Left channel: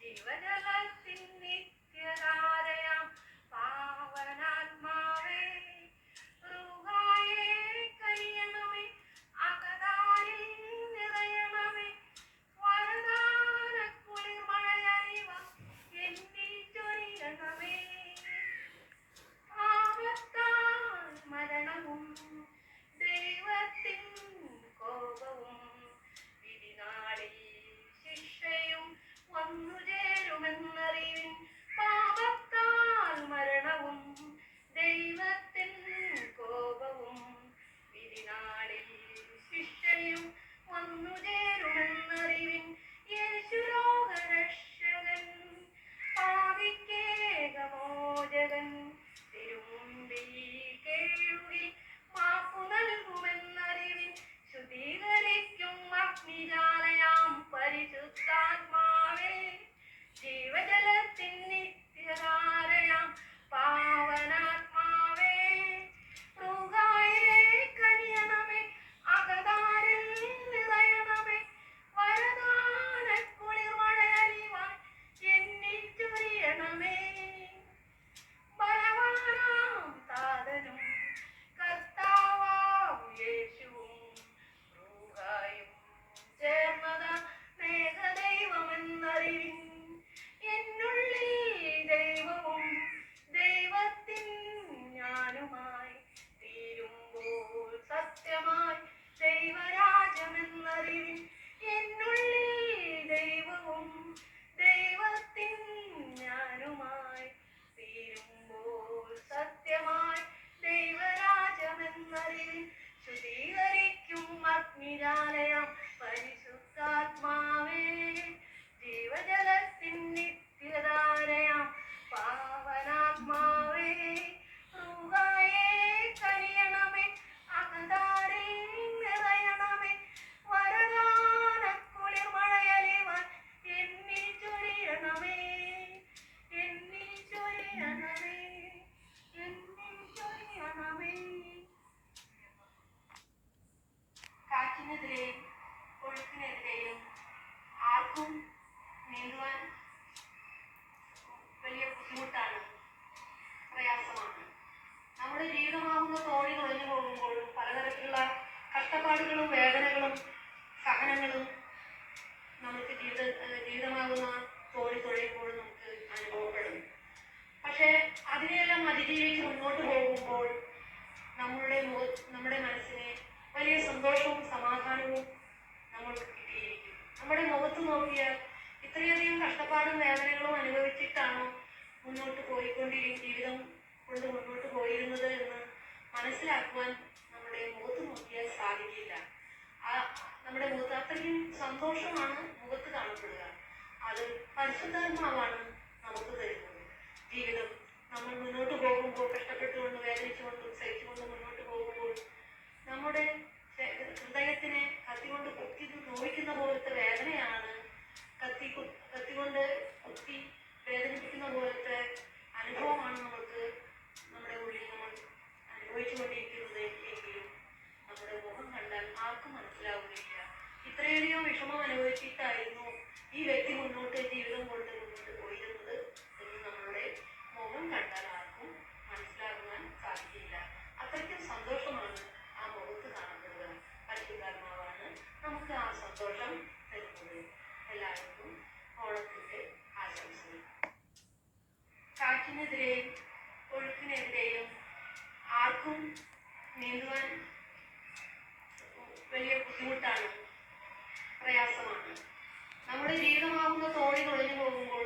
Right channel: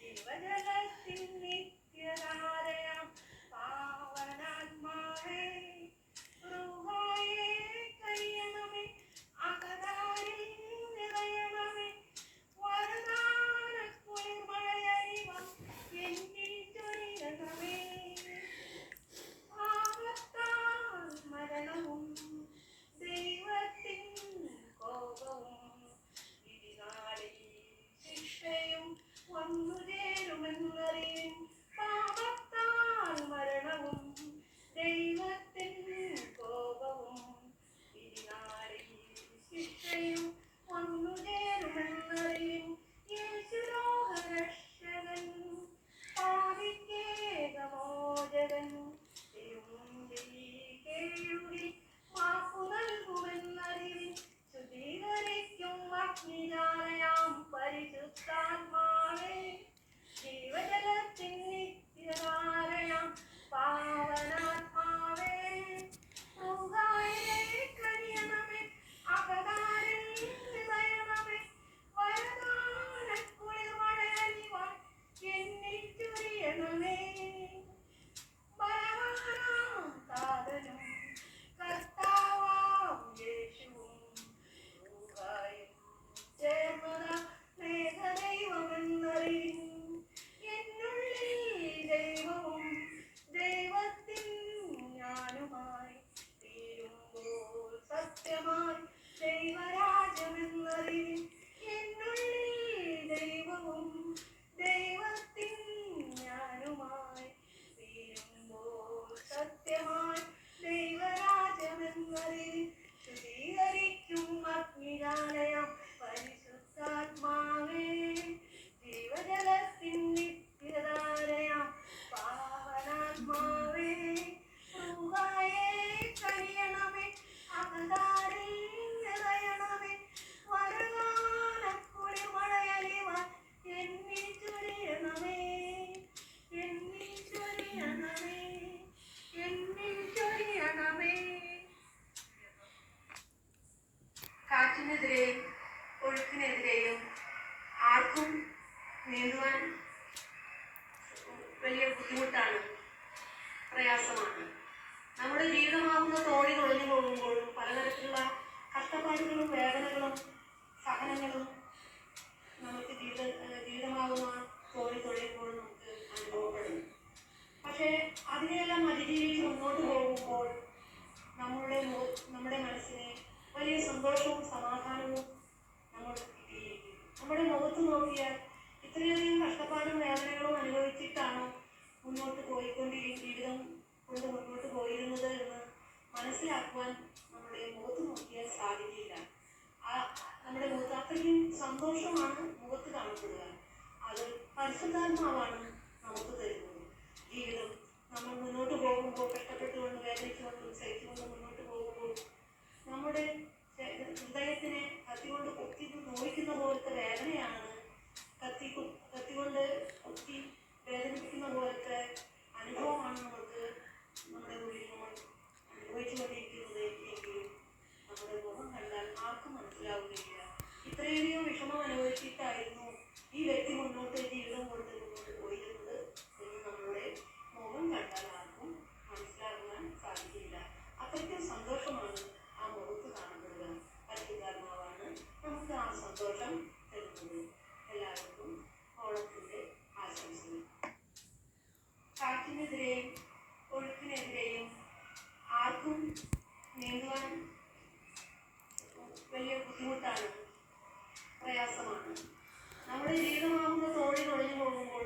ജീവജലത്തിൻ നിത്യരാ favor. നീന്തുവാൻ വലിയ ബുദ്ധിമുട്ടാണ്. പ്രയാസമാണ്. നമ്മുടെ ജീവിതമാകുന്ന തോണി തുഴഞ്ഞു പോകുമ്പോഴും പലതരത്തിലുള്ള കഷ്ടപ്പാടുകളും വേദനകളും സഹനങ്ങളും നമുക്ക് ജീവിത ജീവിതമാകുന്ന തോണി തുഴയുമ്പോൾ നമുക്ക് അനുഭവപ്പെടും. പക്ഷേ അതിനെയെല്ലാം അതിജീവിച്ച് മുന്നോട്ട് പോകുമ്പോൾ നമ്മളുടെ നമ്മുടെ മനസ്സിനെ വലിയ സന്തോഷവും സമാധാനവും നമ്മൾക്ക് കിട്ടിയിരിക്കും നമ്മുടെ മുഖത്ത് നോക്കിയാൽ ഇത്രയധികം കഷ്ടപ്പാടും വേദനകളും അനുഭവിച്ചിട്ടാണോ മുന്നോട്ട് പോയിക്കൊണ്ടിരിക്കും ജീവിതം കൊണ്ട് മുന്നോട്ട് പോയിരുന്നത് എന്ന് മനസ്സിലാക്കുവാൻ നമ്മുടെ മുഖത്ത് നോക്കിയാൽ സാധിക്കില്ല. ആ നമ്മുടെ മുഖത്ത് അത്രയ്ക്കും സന്തോഷമാണ് മുഖത്ത് കാണപ്പെടുക. അത് പരിശുദ്ധാത്മാവാണ് നമുക്ക് തരുന്നത്. ജീവിതം നമ്മൾ മുന്നോട്ട് പോകുമ്പോൾ കഷ്ടപ്പെട്ടുകൊണ്ട് വേദനിച്ചുകൊണ്ടും സഹിച്ചുകൊണ്ടും മുന്നോട്ട് പോകുമ്പോൾ നമ്മുടെ ഹൃദയത്തിനെ കത്തിക്കൊണ്ട് കുത്തി നോവിക്കുന്ന പോലത്തെ വേദനയാണ് കത്തി കു- കത്തികൊണ്ട് കുത്തി വേദനിപ്പിക്കുന്ന പോലത്തെ അനുഭവമാണ് നമുക്ക് നമ്മുടെ ഉള്ളിൽ നമ്മൾ അനുഭവിച്ചുകൊണ്ടിരിക്കുന്നത് എങ്കിലും നമ്മുടെ മുഖം കണ്ടാൽ ആർക്കും മനസ്സിലാവുകയില്ല ഇത്രയധികം വിഷമം അനുഭവിച്ചിട്ടായിരുന്നു ഈ വ്യക്തി മുന്നോട്ട് കൊണ്ട് കാറ്റിനെതിരെയും ഒഴുക്കിനെതിരെയും ആർക്കും നീന്തുവാൻ വലിയ ബുദ്ധിമുട്ടാണ് പ്രയാസമാണ്. നമ്മുടെ ജീവിതമാകുന്ന തോണി തൊഴിഞ്ഞു പോകുമ്പോൾ